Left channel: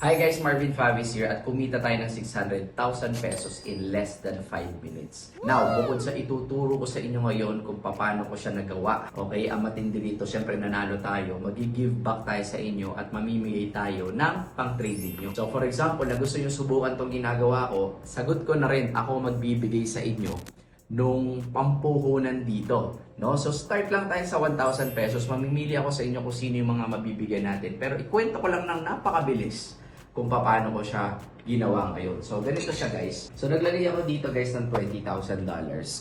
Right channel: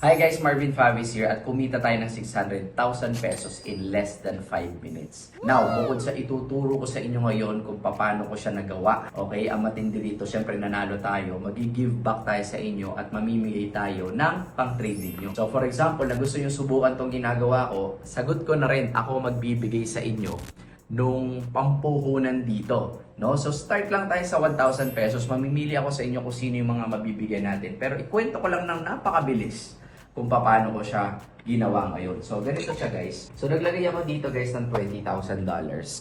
Hi guys, Marvin Favis here at kumita tayo ng 600,000 pesos in less than 5 minutes. Now, bukod sa ituturo ko sa inyo ngayon kung paano ko siya nagawa, okay, ang matindi dito, syempre nanalo tayo, mag-give back tayo sa inyo at mamimigay tayo ng pang-trading nyo. So for example, na gusto nyo subukan tong ginagawa ko, sagot ko na rin ako magbibigay sa inyo nung pampuhunan dito. No? So start lang tayo sa 1,000 pesos. Mamimili ako sa inyo kung sino yung mga mabibigyan natin. Pero ikwento ko lang ng napakabilis kung paano ko siya ginawa ngayon. So ganito siya guys. So naglagay ako dito guys ng $20,000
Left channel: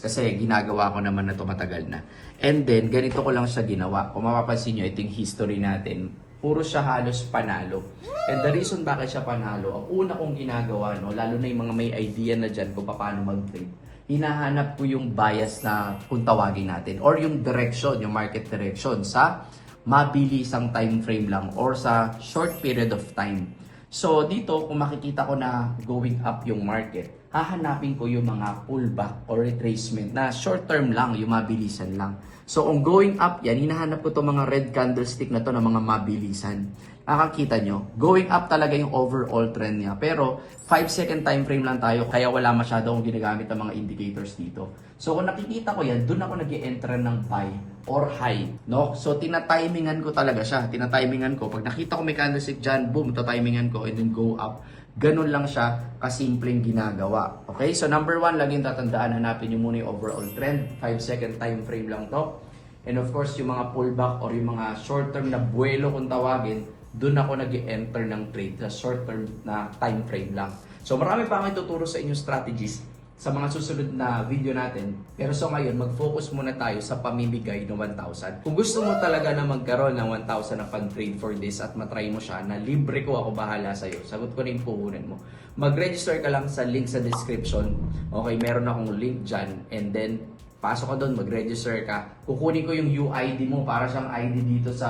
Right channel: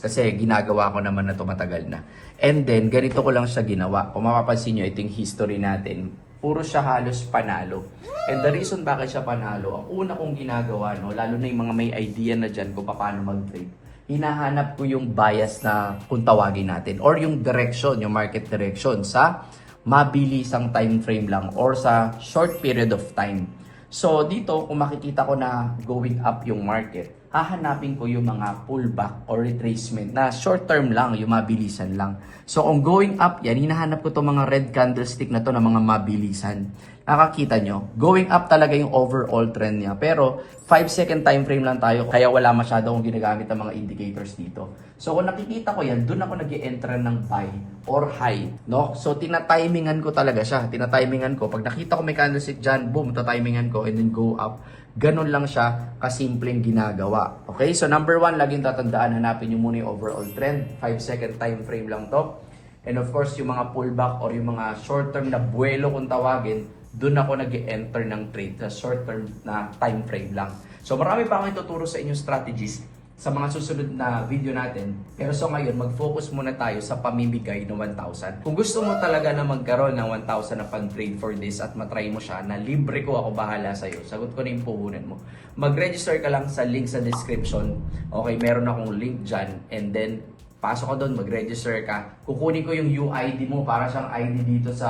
kasi ginagawa ko naman na matagal na. And then ganito ko lang siya ginawa. Kung mapapansin nyo, ito yung history natin. Puro siya halos panalo. And the reason bakit siya panalo, ang una kong ginagawa, no, lalo na yung mga may idea na dyan kung paano mag-trade, hinahanap ko yung bias na kung tawagin natin or yung direction, yung market direction sa mabilisang time frame lang or sa short period of time. So dito, kung makikita ko na going up yung market, hahanapin ko yung mga pullback or retracement na short term lang, yung mabilisan lang. So kung going up yan, hinahanap ko itong mga red candlestick na to na mga mabilisan. Nakakita nyo, going up talaga yung overall trend niya. Pero 5-second time frame lang tayo, kaya wala masyado akong ginagamit ang mga indicators dito. So kung nakikita ko yan, dun ako nag-e-enter ng buy or high. No? So tinatimingan ko talaga siya. Tinatimingan ko. Pag nakita ko may candlestick dyan, boom, tatimingan ko and then go up. Ganun lang siya kasimpleng ginagawa. Okay? So number 1, laging tatandaan, hanapin nyo muna yung overall trend. 5-second time frame lang to. And of course, yung mga pullback or yung mga short-term na buwelo kung tawagin, doon ako nag-enter ng trade sa short-term na time frame lang. So marami pa akong ituturo sa inyong strategies sa mga susunod na video natin. Pero so ngayon, mag-focus muna tayo sa pamimigay ng 1,000. Kung gusto mo talaga na magkaroon ng 1,000 na pan-trade for this at matry mo siya, na libre ko, ako bahala sa'yo. Sagot ko na yung puhunan mo. Mag-register ka lang sa link sa description. Okay, meron akong link dyan. And then, pasok ka doon, mag-register ka. Kukunin ko yung UID mo para siyang ID dito sa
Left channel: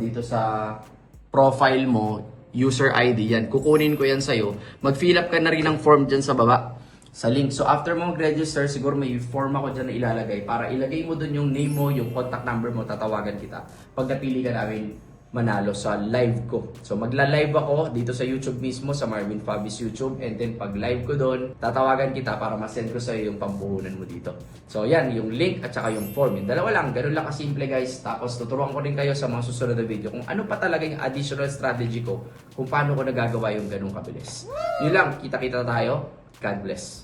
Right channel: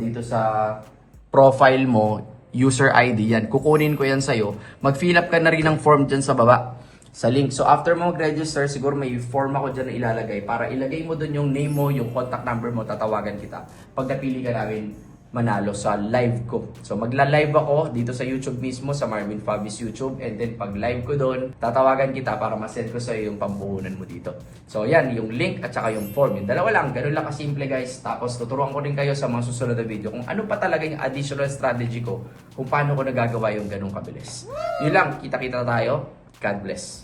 dito sa profile mo, user ID yan. Kukunin ko yan sa'yo. Mag-fill up ka na rin ng form dyan sa baba, sa link. So after mo mag-register, siguro may form ako dyan na ilalagay para ilagay mo dun yung name mo, yung contact number mo, tatawagan kita. Pag napili ka namin manalo sa live ko. So magla-live ako dito sa YouTube mismo, sa Marvin Favis YouTube. And then pag live ko doon, tatawagan kita para ma-send ko sa iyo yung pampuhunan mo dito. So yan, yung link at saka yung form. Yung dalawa lang, ganun lang kasimple guys. Tapos tuturuan ko rin kayo sa mga susunod na video kung ano pa talaga yung additional strategy ko kung paano ko nagagawa yung ganung kabilis. Yun lang, kita-kita tayo. God bless.